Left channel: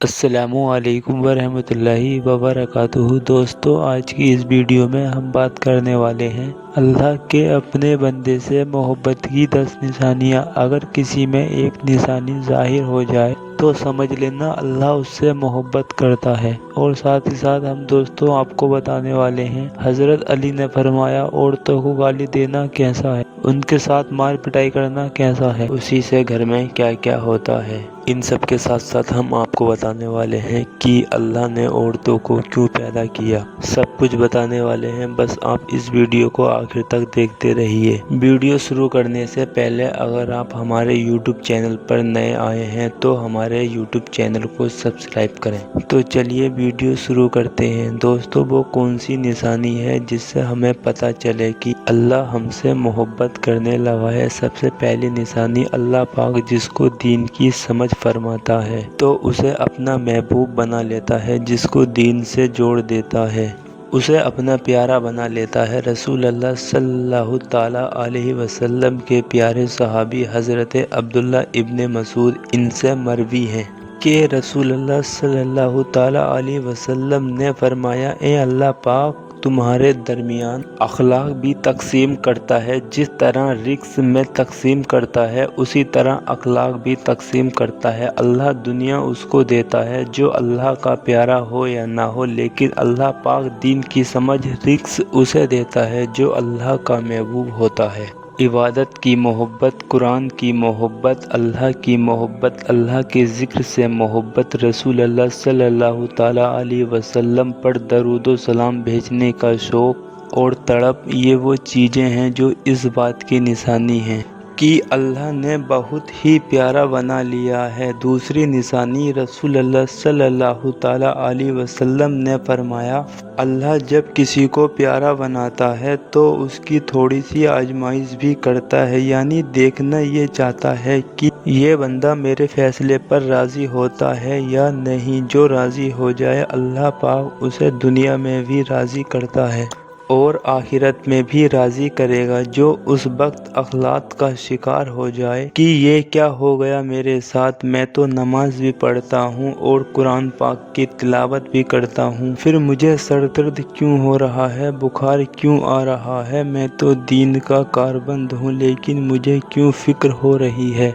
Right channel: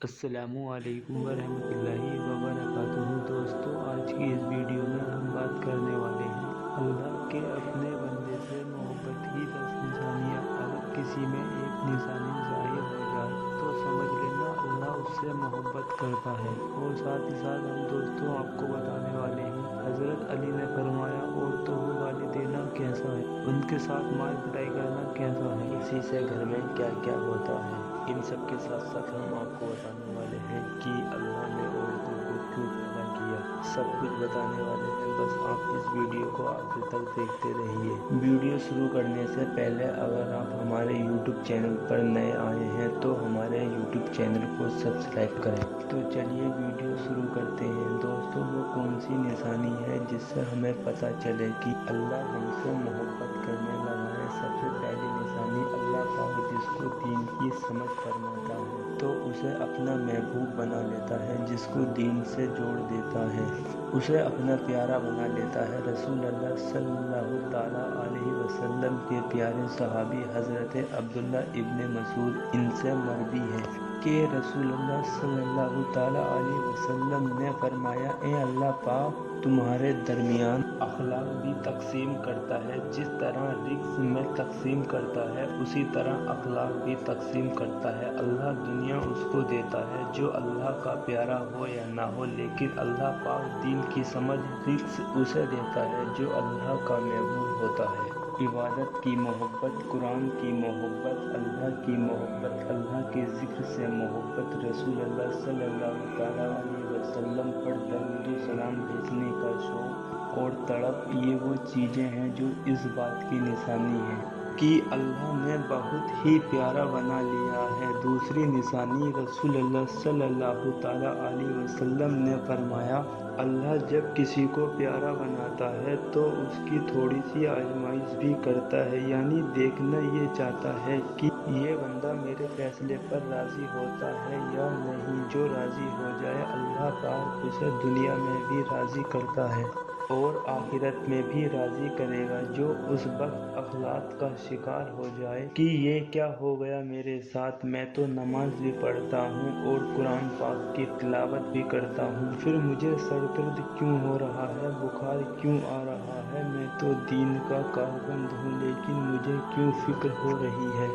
السلام علیکم ورحمۃ اللہ وبرکاتہ۔ دوستو، آج کی اس ویڈیو میں ہم بات کرنے والے ہیں اللہ کے اپنے بندے سے محبت کی 10 نشانیاں۔ اگر کسی میں ایک نشانی ظاہر ہو جائے تو سمجھ لینا اللہ اس سے محبت کرتا ہے۔ اور ساتھ ہی ساتھ ہم دوستوں آپ کو بتانے والے ہیں حضرت علی نے فرمایا عورتوں کو گالی دینا کیسا ہے، ان کے ساتھ مار پٹائی کرنا کیسا ہے، اسی سے گھر میں کیا کیا ہوتا ہے۔ ان سب کے ساتھ ساتھ ہم آپ کو بتانے والے ہیں کہ اللہ نے عورتوں کو کیوں پیدا کیا، سب کچھ بتانے والے ہیں۔ بس آپ اس ویڈیو کو آخر تک دیکھتے رہیے۔ ویڈیو شروع کرنے سے پہلے اگر آپ ہمارے یوٹیوب چینل پر نئے آئے ہیں تو ہمارے یوٹیوب چینل کو سبسکرائب کریں۔ تو چلیے ویڈیو شروع کرتے ہیں۔ دوستو، وہ کون سی نشانی ہے جس سے ہمیں پتہ چلے کہ اللہ ہم سے محبت کرنے لگا ہے؟ سب سے پہلی نشانی، اللہ پاک جس کو دین کی سمجھ فرماتا ہے تو اسے اپنا محبوب بنا لیتا ہے، جس کو دین سے جوڑ دیتا ہے اسے اپنا پیارا بنا لیتا ہے۔ رسول اللہ صلی اللہ تعالیٰ علیہ وسلم کے پیارے صحابی حضرت عبداللہ ابن مسعود ان سے مروی ہے کہ رسول اللہ صلی اللہ تعالیٰ علیہ وسلم نے فرمایا، اے اللہ پاک تمہارے درمیان اخلاق بھی تقسیم کرتا ہے، جس طرح رزق میں تقسیم کرتا ہے اسی طرح اخلاق بھی تقسیم کرتا ہے۔ اللہ دنیا اس کو دیتا ہے جو اللہ کا پیارا ہو یا نہ ہو، لیکن اللہ پاک دین کی سمجھ رزق اسے دیتا ہے جو اللہ کا محبوب ہوتا ہے۔ عبادت کی محبت، قرآن کی محبت، اللہ کی محبت، اللہ کے ذکر سے محبت، رسول اللہ صلی اللہ تعالیٰ علیہ وسلم پر درود و سلام بھیجنے کا شوق اور تڑپ، یہ وہ چیزیں ہیں جو اس بات کی نشانی ہیں کہ اللہ نے بہت ہی پیارا بنا لیا ہے۔ دوسری نشانی، رسول اللہ صلی اللہ تعالیٰ علیہ وسلم نے فرمایا، اللہ جب کسی کو پیارا بناتا ہے تو اس کی تھوڑی سی آزمائش بھی کرتا ہے، یعنی دیکھنا یہ چاہتا ہے کہ یہ بندہ میرے فیصلے پر راضی ہوتا ہے یا نہیں۔ جو راضی ہو جائے اللہ پاک اسے دنیا میں بھی راضی کرتا ہے اور آخرت میں بھی راضی کرے گا۔ جو اس وقت اخلاق کا شکار ہو جائے کہ یہ کیا ہو گیا میرے ساتھ، میں تو نماز بھی پڑھتا ہوں اور قرآن پاک کی تلاوت بھی کرتا ہوں، پھر مجھے سر درد کیوں ہو رہا ہے، بخار کیوں آ رہا ہے، میں تو دین کا کاربند ہوں لیکن مجھے کیوں فکر ہو رہی ہے؟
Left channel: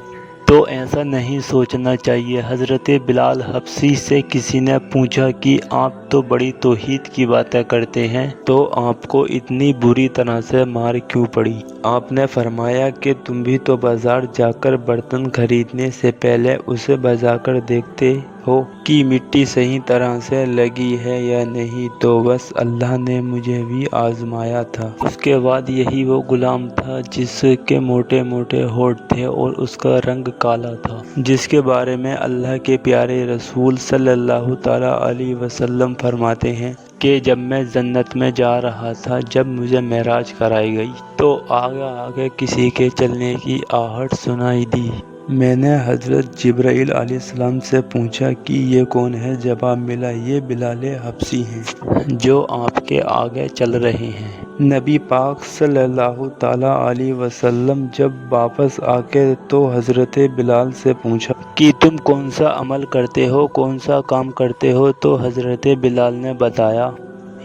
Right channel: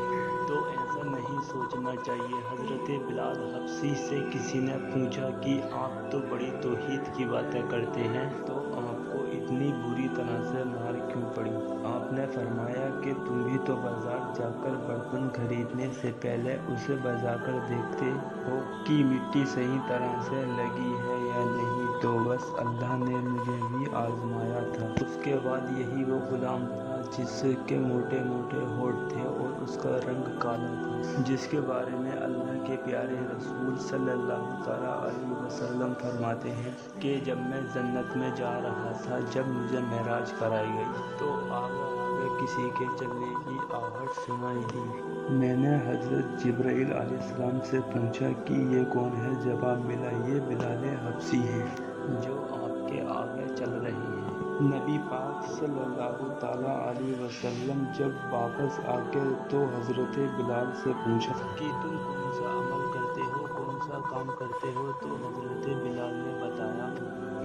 تو ایسا نہیں سوچنا چاہیے۔ حضرت بلال حبشی سے کسی نے پوچھا کہ آپ تو بڑی توحید کی باتیں کرتے ہیں، تو آپ کو اتنی بری طرح سے مار کیوں پڑی؟ آپ نے فرمایا کہ تم بھی تو بازار جا کر برتن خریدنے سے پہلے اسے بجا کر دیکھتے ہو کہ مٹی صحیح طرح سے لگی ہے یا نہیں، تو بس اللہ نے مجھے بھی آزمایا تھا۔ اس کے بعد یہی وہ غلام تھا جس کے موٹے موٹے ہونٹ تھے اور اس کا رنگ کالا تھا، جس کے بارے میں اللہ کے پیارے رسول صلی اللہ تعالیٰ علیہ وسلم فرماتے ہیں کہ جب میں جنت میں جا رہا تھا، جب مجھے معراج کرائی گئی تو آگے آگے کسی کے چلنے کی آہٹ سنائی دی۔ میں نے حضرت جبرائیل علیہ السلام سے پوچھا کہ یہ کون ہے؟ جواب ملا، یہ بلال حبشی ہیں جو آپ کے آگے چل رہے ہیں۔ نبی پاک صلی اللہ تعالیٰ علیہ وسلم جب واپس آکے تو حضرت بلال سے پوچھا کہ تم کون سا عمل کرتے ہو، کون سا کام کرتے ہو؟ تو حضرت بلال نے بتایا،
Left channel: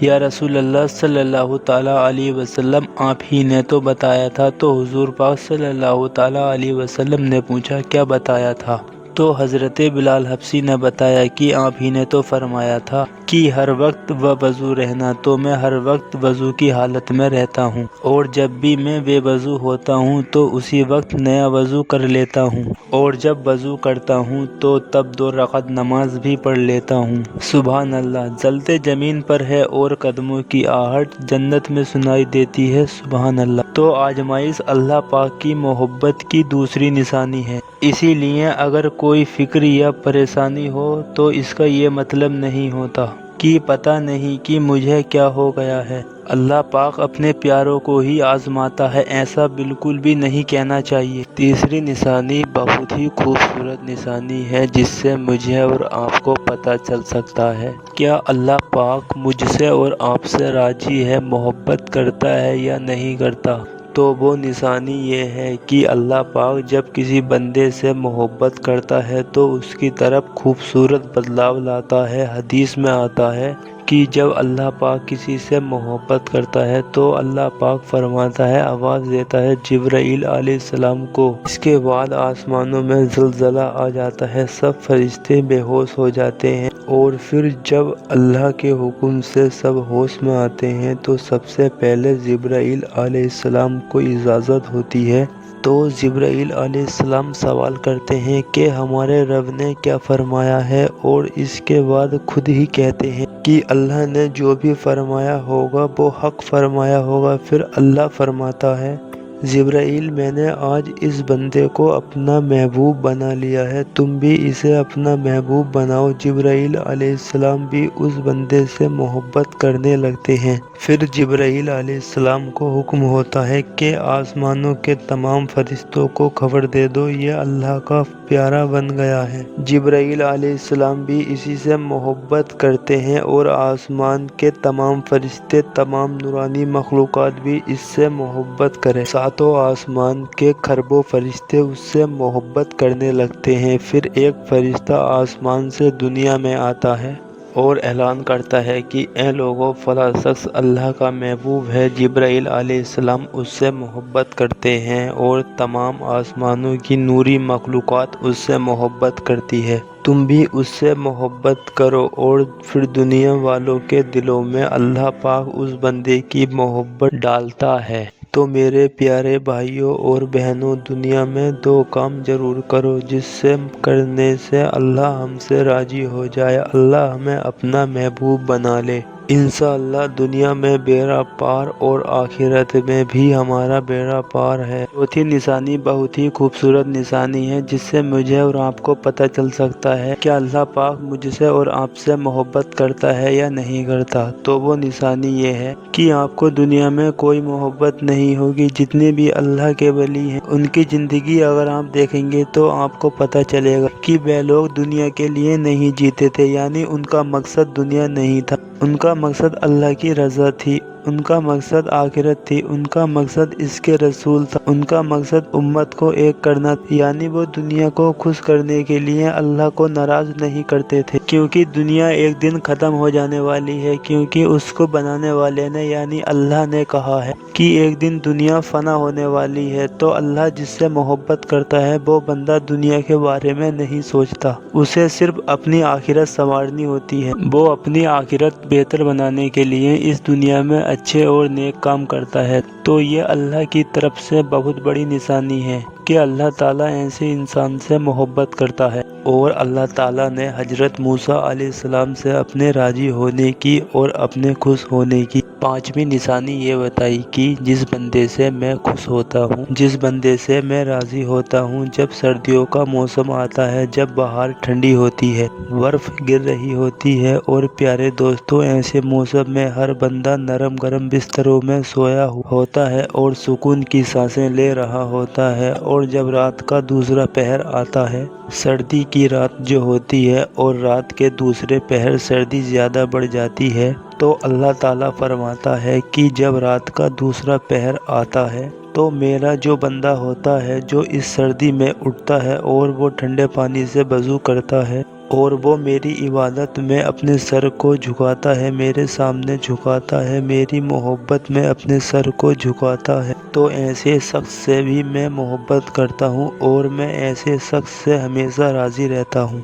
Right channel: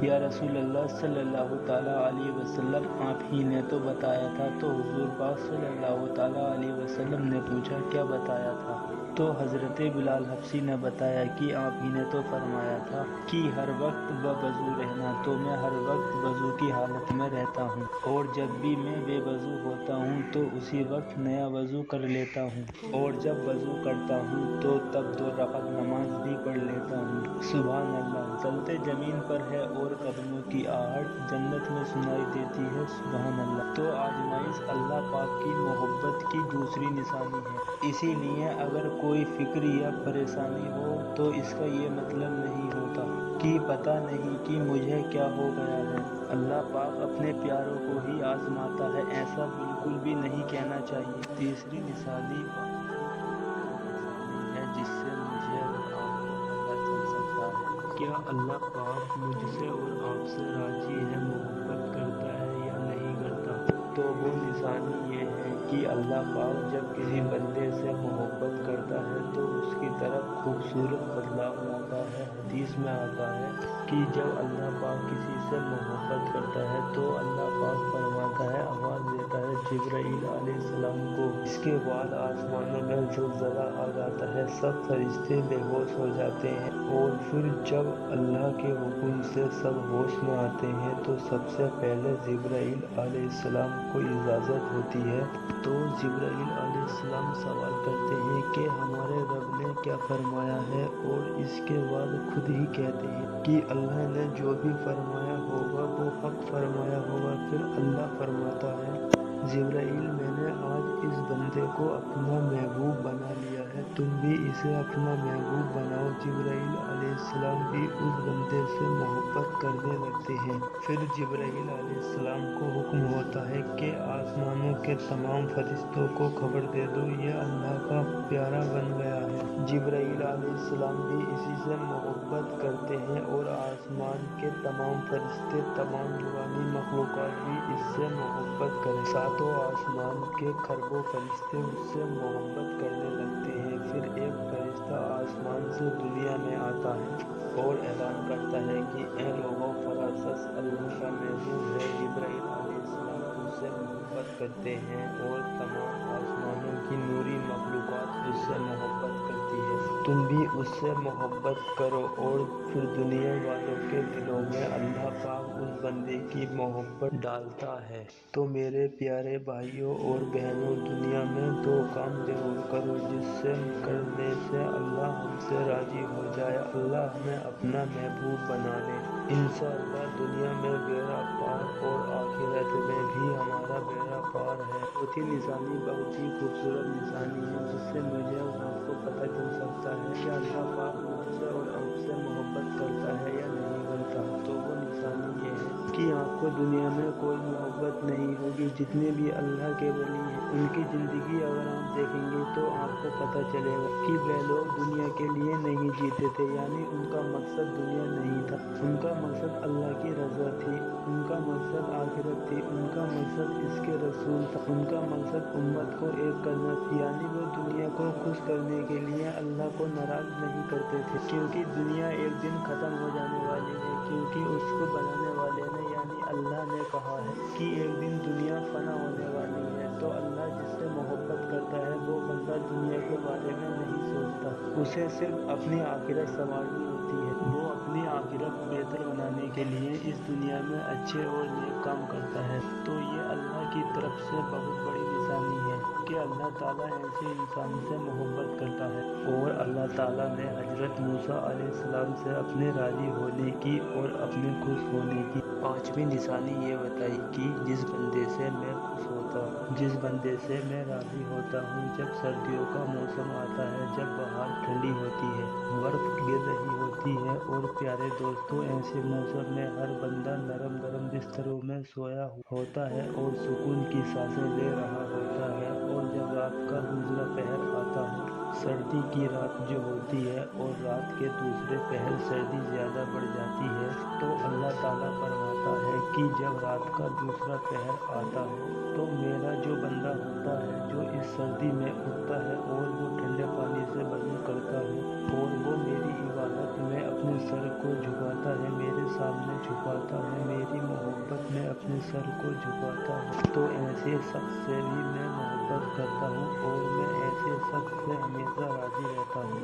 یا رسول اللہ صلی اللہ تعالیٰ علیہ وسلم آپ ہی نے تو بتایا تھا۔ تو حضور پاک صلی اللہ تعالیٰ علیہ وسلم نے پوچھا کیا بتایا تھا؟ تو حضرت بلال حبشی نے بتایا کہ آپ ہی نے تو فرمایا تھا کہ ہر وقت وضو رہنا، تو میں ہر وقت وضو کی حالت میں رہتا ہوں، اور جب بھی میں بے وضو ہوتا ہوں تو اسی وقت نیا وضو کر لیتا ہوں، اور جب وضو کرتا ہوں تو تب 2 رکعت نماز بھی پڑھ لیتا ہوں۔ سبحان اللہ، جلتے زمین پر ہے اور قدموں کی آہٹ جنت میں سنائی دیتی ہے، سبحان اللہ۔ تو آزمائش اللہ پاک کی محبت کی دوسری نشانی ہے۔ اسی لیے اگر کوئی فکر یا پریشانی ہو تو اس کا یہ مطلب نہیں ہوتا کہ پتہ نہیں کہ مجھے کیا ہو گیا ہے۔ اللہ پاک اپنے پیاروں کو ہی آزماتا ہے، ایسا بالکل بھی نہیں کہنا چاہیے۔ تیسری نشانی بہت ہی خوبصورت نشانی ہے جس سے مجھے اور آپ کو پتہ چل سکتا ہے کیا اللہ پاک مجھ سے اور آپ سے راضی ہے، محبت کرتا ہے یا نہیں کرتا۔ تو وہ نشانی یہ ہے کہ اللہ پاک جب کسی بندے سے محبت کرتا ہے تو اس کی طرف خوبصورت بدلاؤ لاتا ہے۔ حدیث میں آتا ہے کہ جب اللہ پاک کسی سے محبت کرتا ہے تو اللہ پاک فرماتا ہے، آواز دیتا ہے جبرائیل علیہ السلام کو۔ اس کے بعد آسمانوں میں زلزلہ آ جاتا ہے، سب فرشتے بے ہوش ہو جاتے ہیں، اور پھر جب اللہ کے حکم سے سب ہوش میں آتے ہیں تو سب سے پہلے جبرائیل علیہ السلام کو اجازت ہوتی ہے۔ تو جبرائیل علیہ السلام سوال کرتے ہیں کہ ہمارے رب نے کیا فرمایا ہے، اور اس کے بعد خود ہی کہتے ہیں کہ اللہ نے جو بھی فرمایا ہوگا وہ حق فرمایا ہوگا۔ پھر اللہ فرماتا ہے، جبرائیل میں نے آج اس بندے کو اپنا محبوب بنا لیا ہے، تم بھی اسے اپنا محبوب بناؤ۔ جبرائیل علیہ السلام بھی اس بندے سے محبت کرنے لگتے ہیں۔ پھر جبرائیل علیہ السلام کو حکم ہوتا ہے کہ آسمانوں کے تمام فرشتوں کو خبر دے دو، یہ اللہ کا پیارا بن گیا ہے۔ جبرائیل علیہ السلام بھی اسی سے محبت کرتے ہیں، اور آسمان کے تمام فرشتے، تمام نورانی مخلوقات بھی اس سے محبت کریں۔ ساتوں آسمان کے کھربوں فرشتے اس سے محبت کرنے لگتے ہیں۔ پھر ایک فرشتہ آسمان سے دنیا میں آتا ہے اور اعلان کرتا ہے کہ اے لوگو، فلاں شخص اللہ کا محبوب ہے۔ جبرائیل علیہ السلام اس سے محبت کرتے ہیں، اور تمام آسمانوں کی نوری مخلوقات اس سے محبت کرتی ہے۔ تم بھی اس سے محبت کرو۔ اور پھر دنیا والوں کے دلوں میں اللہ پاک اس بندے کی محبت ڈالتا ہے۔ تو میرے پیارے بھائیوں اور بہنوں، دنیا میں دو کام ضرور کرو جس سے کرنے سے اللہ ہم سے راضی ہو جائے، اللہ ہمیں اپنا محبوب بنا لے۔ انشاءاللہ دنیا میں بیڑا پار اور آخرت میں بھی ہمارا بیڑا پار ہے۔ چوتھی نشانی بہت ہی خوبصورت نشانی ہے، جس سے مجھے اور آپ کو پتہ چل سکتا ہے کہ اللہ پاک مجھ سے اور آپ سے محبت کرتا ہے یا نہیں کرتا۔ تو وہ نشانی یہ ہے کہ آپ کو دنیا میں کوئی محبت نہیں ہوگی۔ جتنے بھی اللہ کے ولی ہیں، ان کی زندگی اگر آپ دیکھیں گے تو آپ کو پتہ چلے گا کہ وہ لوگ دنیا کے لیے نہیں جیتے تھے، یعنی ان کا مقصد دنیا نہیں تھا، ان کا مقصد اللہ کی رضا تھی، ان کا مقصد آخرت تھی، ان کا مقصد اس کے رسول تھا، ان کا مقصد امت کو ایک کرنا تھا، یعنی وہ دنیا کو خوش کرنے کے لیے اللہ کو ناراض نہیں کرتے تھے، کیونکہ دنیا ایک دن ختم ہو جانے والی ہے، کیونکہ اس کو بنانے والے نے یعنی اللہ نے کہا ہے کہ ایک دن دنیا فنا ہونے والی ہے۔ تو اللہ جس سے محبت کرتا ہے وہ بندہ دنیا کے بارے میں نہیں سوچتا، اسے صرف اپنی آخرت سنوارنی ہوتی ہے۔ وہ اپنی آخرت بہتر بنانے کے لیے اس دنیا میں اچھے اور نیک کام کرتا ہے۔ تو یہ اللہ کی طرف سے بہت بڑی نشانی ہے کہ اللہ تعالیٰ ایسے انسان سے محبت کرتا ہے۔ اور اللہ تعالیٰ نے حضرت موسیٰ علیہ السلام سے اپنے راضی ہونے کی اور اپنے خوش ہونے کی پانچویں نشانی یہ بتائی کہ جس بندے سے میں خوش ہوتا ہوں، جس بندے سے میں راضی ہوتا ہوں، جب سردیوں کا موسم آتا ہے، جب بہار ٹھنڈی ہوتی ہے، برف گر رہی ہوتی ہے، اور پیارے دوستوں ایسے موسم میں ہر بندہ نرم گرم بستروں میں سویا ہوتا ہے اور سکون کی سانسیں لے رہا ہوتا ہے، اور جب رات کا دوسرا پہر آتا ہے، سردی کی رات جو ہوتی ہے اور رات کے دوسرے پہر سردی زیادہ بڑھ جاتی ہے، تو اللہ تعالیٰ فرماتا ہے کہ جب رات کا دوسرا پہر آتا ہے تو میرا جو بندہ ہوتا ہے جو اس سردی میں اٹھتا ہے اور وہ ٹھنڈے پانی سے وضو کرتا ہے اور وہ میری عبادت میں اپنے سر کو جھکاتا ہے، میرے سامنے جھکاتا ہے، میری محبت میں اپنے سر کو جھکاتا ہے، تو ایسے شخص سے بھی میں محبت کرتا ہوں اور میں ایسے شخص سے ہمیشہ راضی رہتا ہوں۔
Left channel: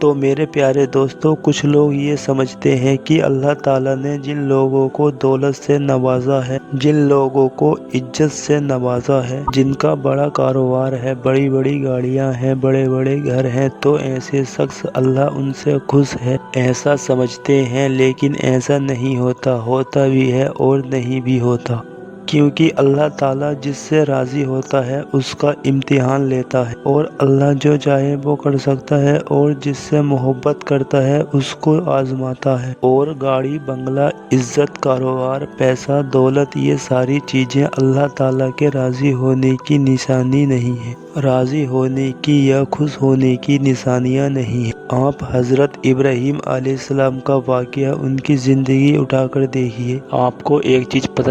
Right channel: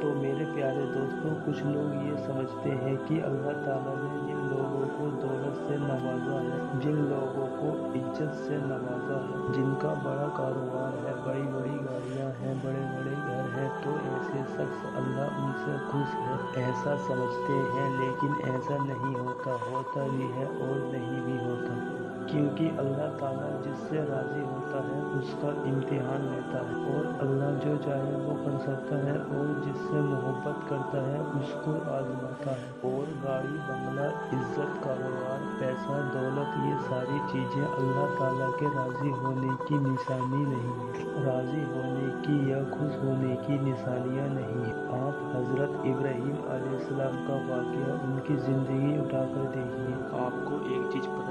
تو میرے پیارے دوستوں، کچھ لوگ یہ سمجھتے ہیں کہ اللہ تعالیٰ نے جن لوگوں کو دولت سے نوازا ہے، جن لوگوں کو عزت سے نوازا ہے، جن کا بڑا کاروبار ہے، بڑی بڑی گاڑیاں ہیں، بڑے بڑے گھر ہیں، تو ایسے شخص اللہ ان سے خوش ہے، ایسا سمجھتے ہیں، لیکن ایسا نہیں ہوتا، ہوتا بھی ہے اور نہیں بھی ہوتا، کیونکہ اللہ تعالیٰ جس سے راضی ہوتا ہے اس کا امتحان لیتا ہے، اور اللہ جو چاہے وہ کر سکتا ہے، اور جس سے محبت کرتا ہے اس کو آزماتا ہے۔ اور گاڑی بنگلہ، عزت، کاروبار، پیسہ، دولت، یہ ساری چیزیں اللہ تعالیٰ کے راضی ہونے کی نشانی نہیں ہے، راضی ہونے کی یا خوش ہونے کی نشانیاں نہیں ہیں۔ آپ حضرت ابراہیم علیہ السلام کا واقعہ، ان کی زندگی اٹھا کر دیکھیے، آپ کو ایک چیز پتہ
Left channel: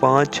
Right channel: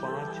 5,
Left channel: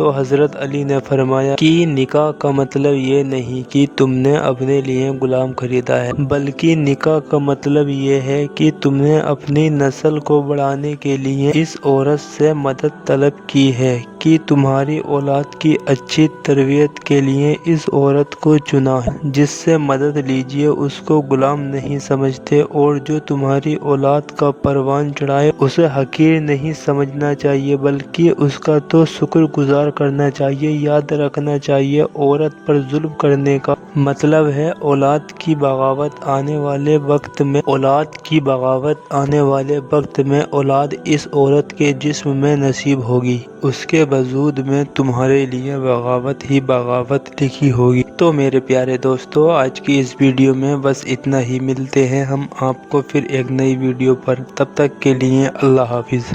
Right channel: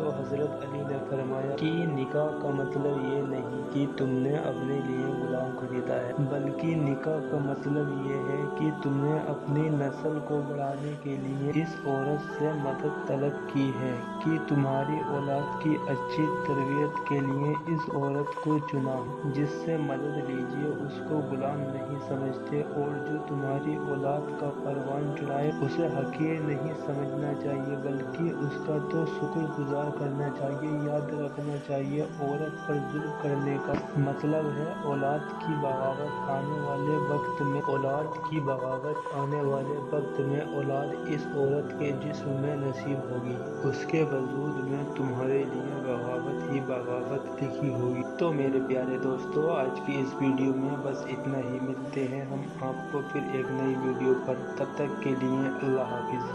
تو حضرت علی نے فرمایا کہ نکاح کا مطلب یہ نہیں کہ تم نے اپنے لیے غلام خریدا ہے، بلکہ نکاح کا مطلب یہ ہے کہ تم نے اپنی نسل کو بڑھانے کے لیے اس عورت سے مدد طلب کی ہے، کہ تمہاری اولاد کی اچھی تربیت کے لیے اس عورت کو چنا ہے جس سے مدد لیجیے۔ اس کو غلام نہیں سمجھتے، اور جو تمہاری اولاد کا پروان چڑھائے اسے حقیر نہیں سمجھنا چاہیے، بلکہ اس کا تو شکر گزار کرنا چاہیے۔ یاد رکھنا چاہیے، عورت پر ظلم کرنے کا مطلب ہے اولاد کی بغاوت آنے والے وقت میں اولاد اس عورت کے جسم میں نصیب ہوگی، اس کے وجود میں تمہارے لیے بغاوت ہی بغاوت لکھی ہوگی۔ تو میرے پیارے دوستو، آج کی اس ویڈیو میں بس اتنا ہی۔ ملتے ہیں ہم آپ کو پھر ایک نئی ویڈیو پر، تب تک کے لیے اللہ حافظ۔